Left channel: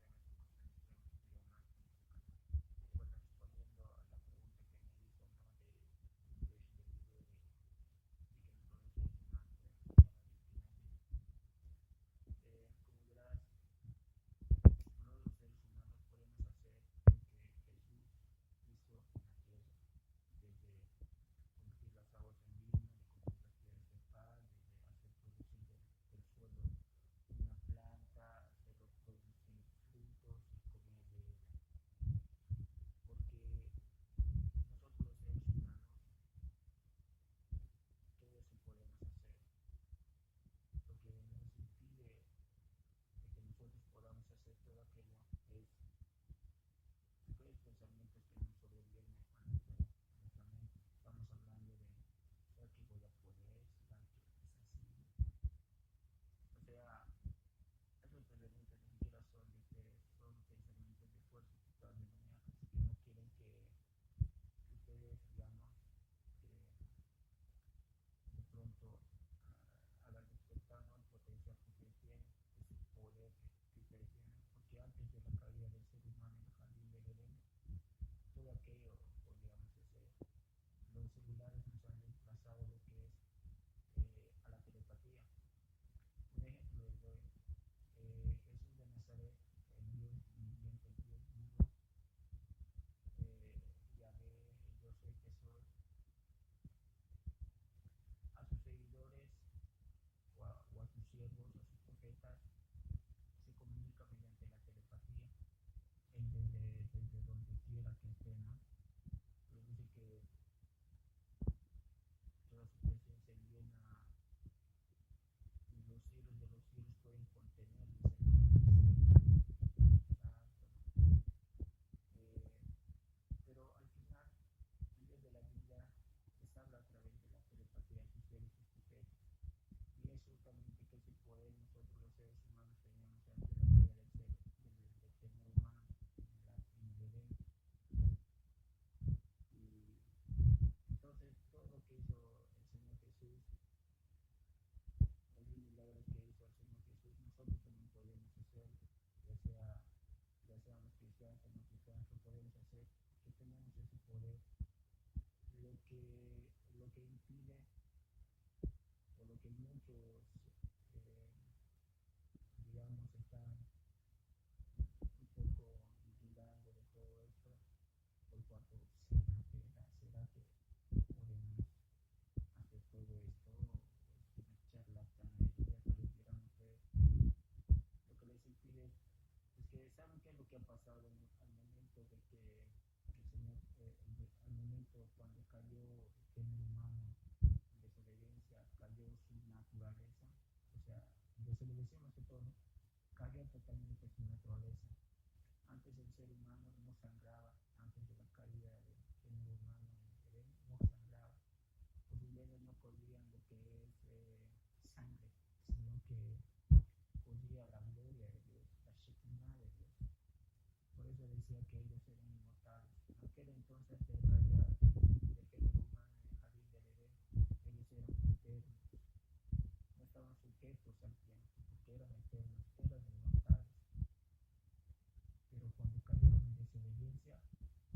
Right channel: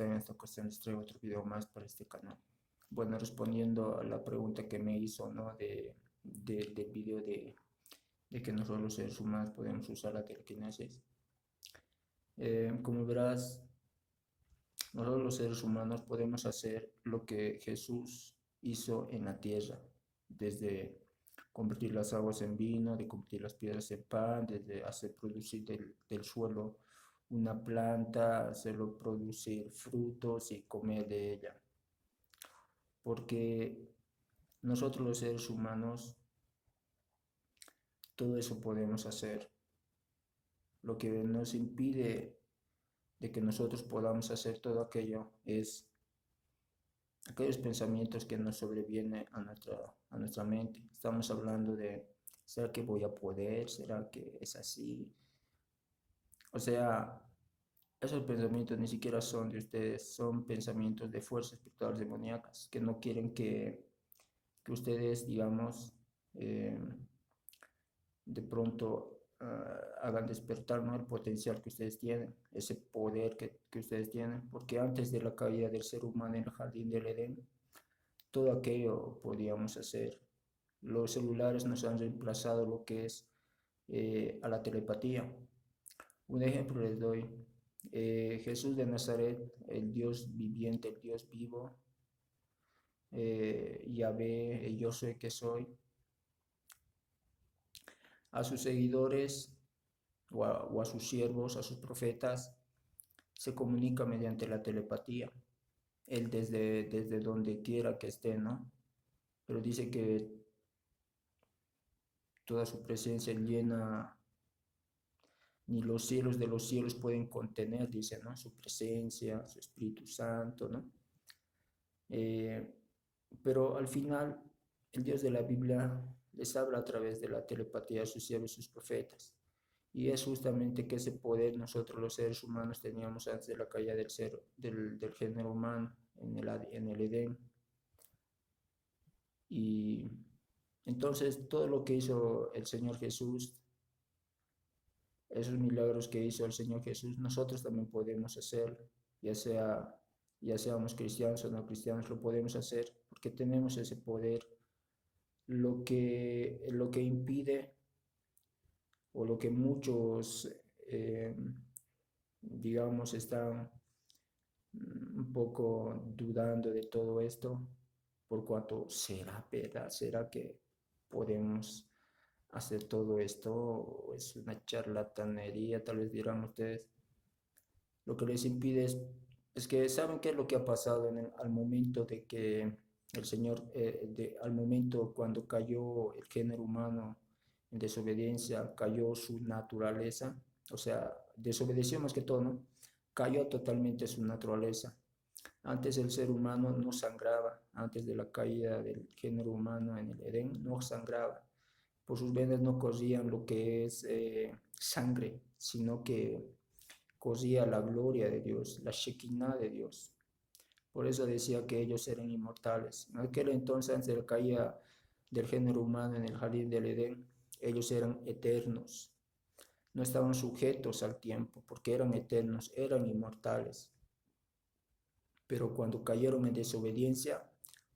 están? En esta ocasión les traigo otro video más para este canal. Bueno, respondiendo a la pregunta que me hizo, ¿no? Del video de que nosotros los seres humanos podemos usar la telequinesis. Como verás, nosotros los seres humanos podemos hacer lo que Jesús hizo en la tierra, desde convertir las aguas en vino, de convertir las piedras en pan, desde hacer producir del suelo una planta, hacerlo producir frutos y comer de ella. Porque nosotros los seres humanos, todo eso podemos hacer. Lo que nos impide de que nosotros podamos hacer todo aquello es aquellos pensamientos que nos sobrevienen a nuestra mente. Estamos hablando de, ¿será que voy a poder? ¿Será que es así? O sea, esos pensamientos ni siquiera son de ustedes, son pensamientos de fuerzas espirituales demoníacas que no quieren que ustedes, digamos, eh, de pronto hagan despertar, ¿no? El potencial que ustedes tienen, ese poder que ustedes tienen, porque antes de la caída del ser humano en el jardín del Edén, todo aquello podíamos hacer. Los celulares nos han reemplazado lo que es a la telepatía. Un ejemplo les doy. Jesús de Nazaret, el Dios viviente, el Dios vivo, Yahvé, el yo soy que soy, a sus seguidores o a sus siervos, a sus profetas, se comunica mediante la telepatía. Él desde donde quiera que esté, ¿no? Pero dice que toda su presencia llena, ni los cielos de los cielos pueden contener, dice, ¿no? Su presencia, su Espíritu Santo, ¿no? Eh, pero al final, el Dios de la Biblia les habla a través de la telepatía a sus siervos y sus profetas. Y es justamente que ese poder nosotros los seres humanos teníamos antes de la caída del género humano en el Edén. Y entonces todo lo que hizo el Señor Jesús, esos milagros que hizo el Señor Jesús, nosotros también podemos hacer, ya sea, ya seamos cristianos o no cristianos, lo podemos hacer porque tenemos ese poder. Lo que impide o lo que muchos, eh, digamos, están un poco dudando de todo esto, por cuanto será verdad, será que podemos hacer todo esto, o es una charlatanería, tal vez dirán ustedes. Lo que les impide es que saben qué es lo que ha pasado al momento de que el Señor, al momento cuando cayó el género humano en desobediencia, cayó su naturaleza, o sea, desobedeció más que todo, ¿no? Cayó totalmente su naturaleza. Antes el ser humano no sangraba, antes de la caída del género humano en el Edén, no sangraba. Por sus venas no corrían lo que es sangre, sino que corría la gloria de Dios, la Shekinah de Dios. Por eso decía que ellos eran inmortales. En aquel entonces, antes de la caída del género humano en el jardín del Edén, ellos eran eternos. No estaban sujetos al tiempo, porque eran eternos, eran inmortales. Pero cuando cayeron en desobediencia,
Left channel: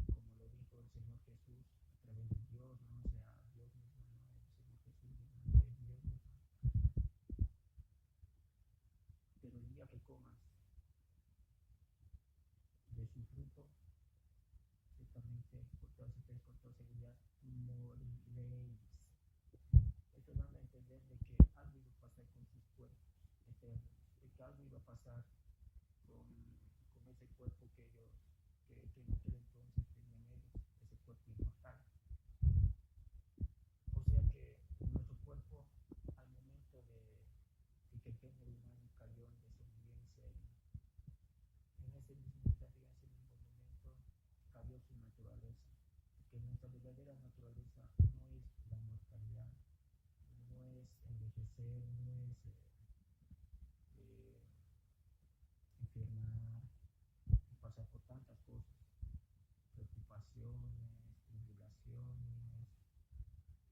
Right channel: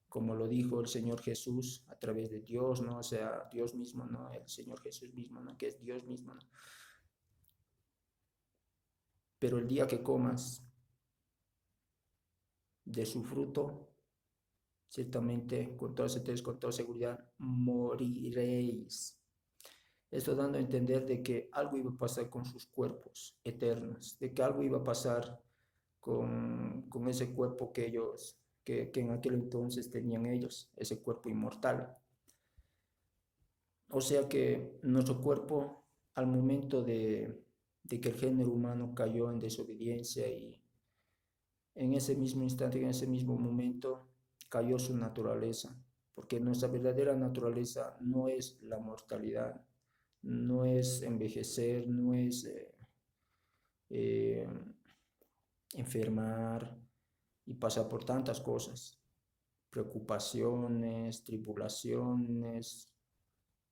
como lo dijo el Señor Jesús a través de Dios, ¿no? O sea, Dios mismo, ¿no? El Señor Jesús mismo, ¿no? Que es Dios mismo, ¿no? Pero el día que comas de su fruto, ciertamente, con toda certeza, con toda seguridad, moriréis. Esto dando a entender de que algo iba a pasar con sus cuerpos eternos, de que algo iba a pasar con ese cuerpo que ellos, que en aquel entonces tenían ellos, ese cuerpo inmortal. O sea que nuestro cuerpo, al momento de que el género humano cayó en desobediencia y en ese mismo instante, en ese mismo momento, cayó su naturaleza, porque nuestra verdadera naturaleza no es la mortalidad, no es envejecer, no es eh, enfermar y pasar por tantas cosas, preocupaciones, tribulaciones,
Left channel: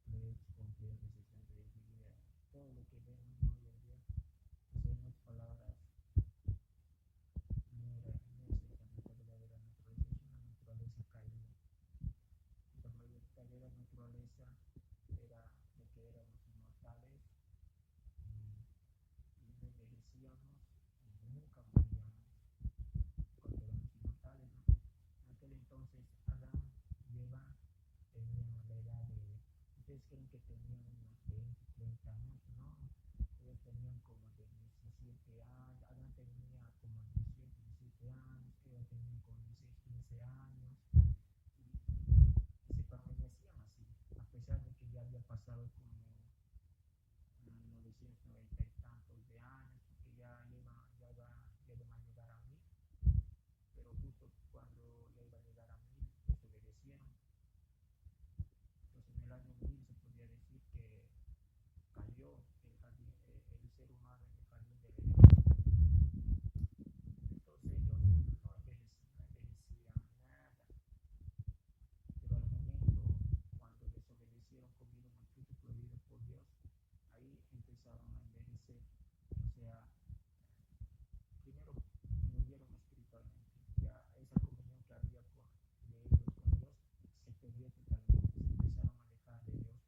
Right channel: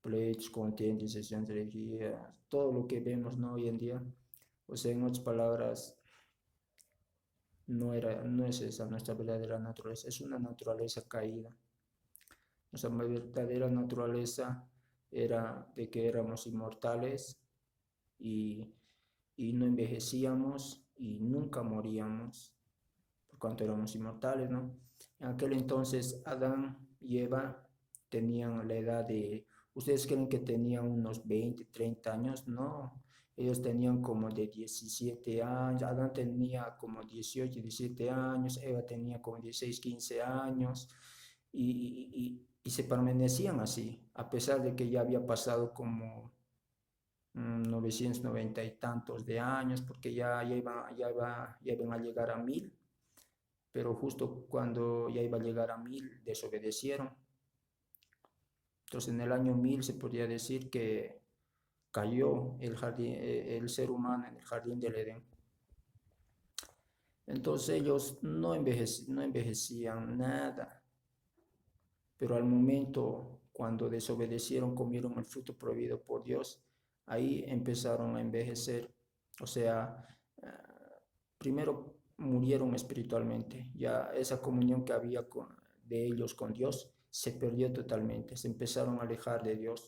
pleitos, contiendas, de energía, todo lo que vemos, ¿no? Hoy en día. O sea, en otras palabras, no es esa nuestra verdadera naturaleza, es una naturaleza caída. Nuestra verdadera naturaleza era de que éramos inmortales y, y no envejecíamos y nunca moríamos, por cuanto éramos inmortales, ¿no? En aquel entonces Adán y Eva tenían la edad de, ¿ustedes creen que tenían unos 20, 30 años? No, ellos tenían como de 17 años, Adán tenía como 18, 17 años, Eva tenía como 16, 15 años, y se permanecían así, a pesar de que ya había pasado como 990 y tantos de años, porque ya iban a llegar a 1000, pero justo cuando ya iba a llegar a 1000 desobedecieron. Entonces en el año 1000 se podría decir que cayó el ser humano en el jardín del Edén. Entonces ellos no envejecían nada, pero al momento cuando desobedecieron, comieron el fruto prohibido por Dios, ahí empezaron a envejecer. O sea, primero murieron espiritualmente, ya esa comunión que había de ellos con Dios se perdió totalmente, se empezaron a alejar de Dios,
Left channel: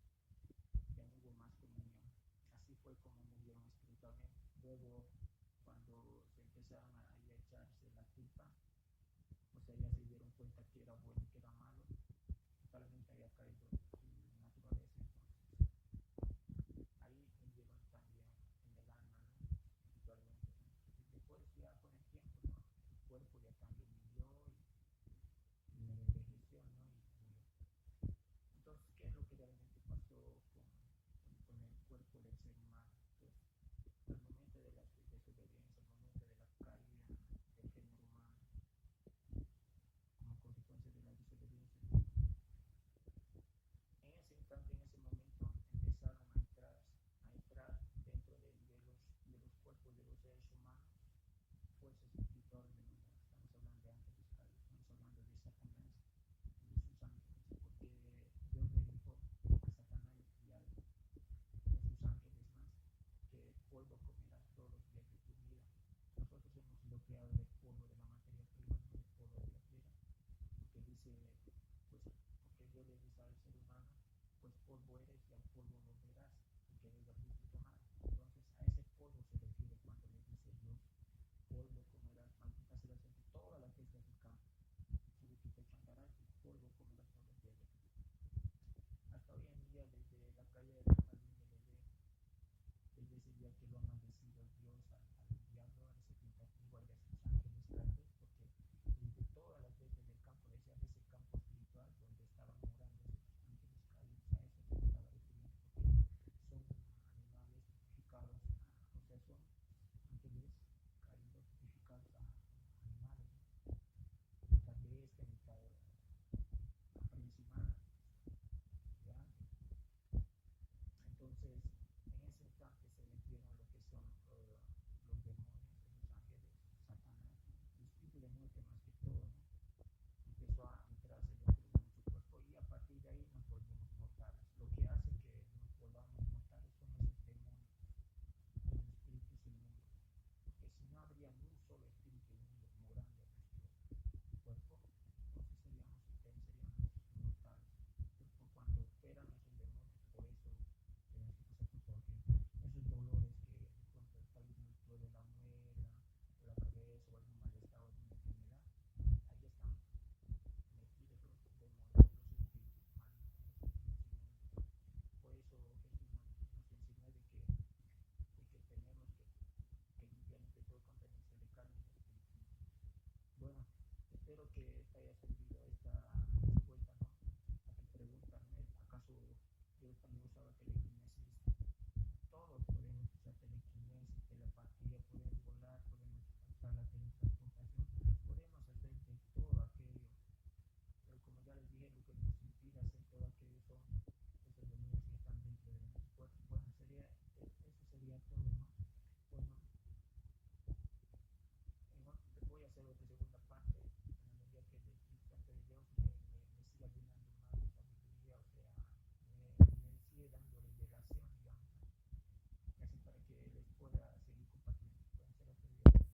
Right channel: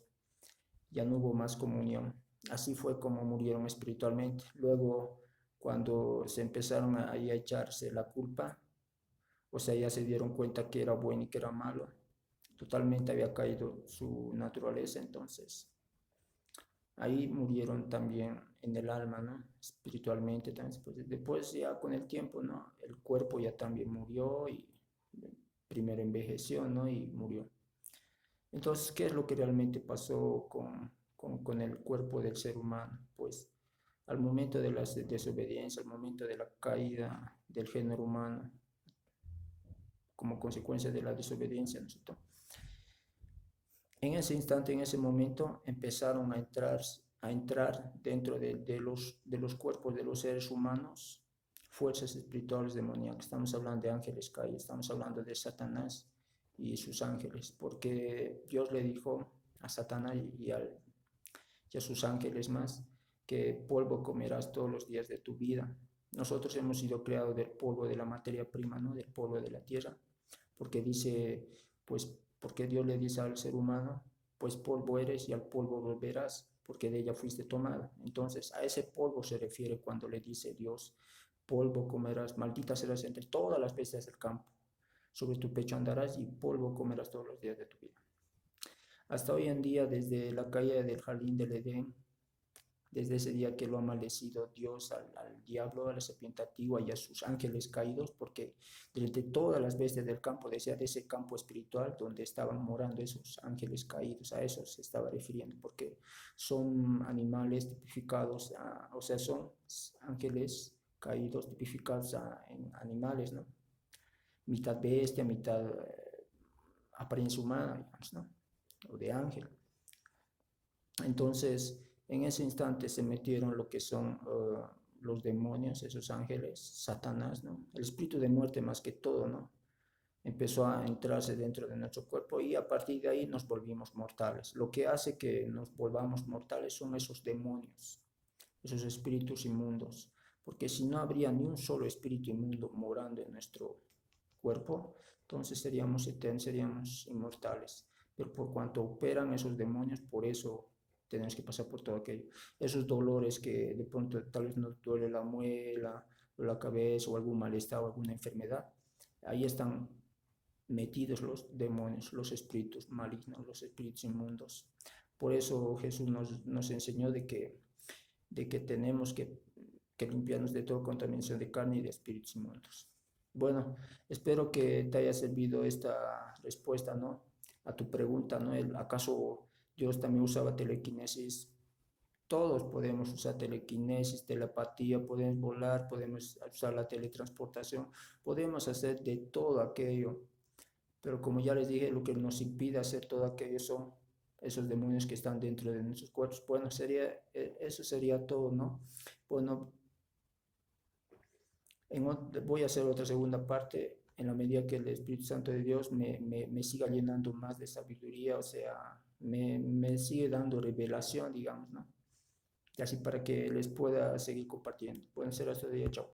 ya no hubo más comunión. Así fue como murieron espiritualmente. Luego, cuando se empezaron a echarse la culpa, o sea, ya se dieron cuenta que era bueno y que era malo, totalmente había caído su naturaleza, entonces ahí murieron también en el alma, ¿no? Espiritualmente también. Después ya con el tiempo, ¿no? El cuerpo ya también murió y primero envejeció, ¿no? Y murió. Entonces, ¿qué es lo que realmente pasó con el cuerpo del ser humano? Pues al momento de la desobediencia, al momento de la caída del género humano, como consecuencia de la desobediencia, ¿no? En ese instante, en ese momento, empezaron a entrar dentro de los cuerpos de los seres humanos fuerzas espirituales demoníacas. Estamos hablando de ángeles caídos, estamos hablando de Satanás y sus ángeles, porque Dios le dijo a Satanás y a sus ángeles más que polvo comerás todos los días de tu vida. Nosotros hemos sido creados del polvo de la materia prima, ¿no? Del polvo de la tierra, porque dice, pues, porque Dios le dice al ser humano, pues polvo eres y al polvo volverás, porque de ella fuiste tomado. Entonces, a ese polvo se refiere cuando le dice Dios, polvo comerás, maldita serás entre todas las bestias del campo, sobre tu pecho andarás y polvo comerás todos los días de tu vida. Hasta hoy en día, desde la caída del jardín del Edén, desde ese día que lo ha maldecido Dios al diablo, a la serpiente antigua y a sus ángeles caídos, porque desde todas las bestias del campo, decía de ese campo espiritual donde estaban morando esos ángeles caídos, a esos se estaba refiriendo, porque son animales tipificados, o sea, son ángeles caídos tipificados en animales, ¿no? Mitad bestia, mitad apariencia humana, digamos, ¿no? O de ángel. Entonces, en ese instante se metieron lo que son los demonios, esos ángeles, Satanás, ¿no? El espíritu de muerte más que todo, ¿no? Empezó a entrarse dentro de nuestro cuerpo y a partir de ahí nos volvimos mortales. Lo que hace que nos volvamos mortales son esos demonios, esos espíritus inmundos, porque si no habría ni un solo espíritu inmundo morando en nuestro cuerpo, entonces seríamos eternos, seríamos inmortales. Pero por cuanto operan esos demonios, por eso tenemos que pasar por todo aquello. Esos dolores que de pronto tal vez nos duele la muela, o la cabeza, o algún malestar, o alguna enfermedad, ahí están metidos los demonios, los espíritus malignos, los espíritus inmundos. Por eso Jesús nos enseñó de que tenemos que limpiarnos de toda contaminación de carne y de espíritus inmundos. Bueno, espero que te haya servido esta respuesta, ¿no? A tu pregunta, ¿no? ¿Acaso Dios también usaba telequinesis? Todos podemos usar telequinesis, telepatía, podemos volar, podemos usar la teletransportación, podemos hacer de todo aquello. Pero como ya les dije, lo que nos impide hacer todo aquello son esos demonios que están dentro de nuestros cuerpos. Bueno, eso sería todo, ¿no? Bueno, voy a hacer otra segunda parte en la medida que el Espíritu Santo de Dios me siga llenando más de sabiduría, o sea, me sigue dando revelación, digamos, ¿no? Y así para que les pueda seguir compartiendo. Pueden ser hasta de día, chao.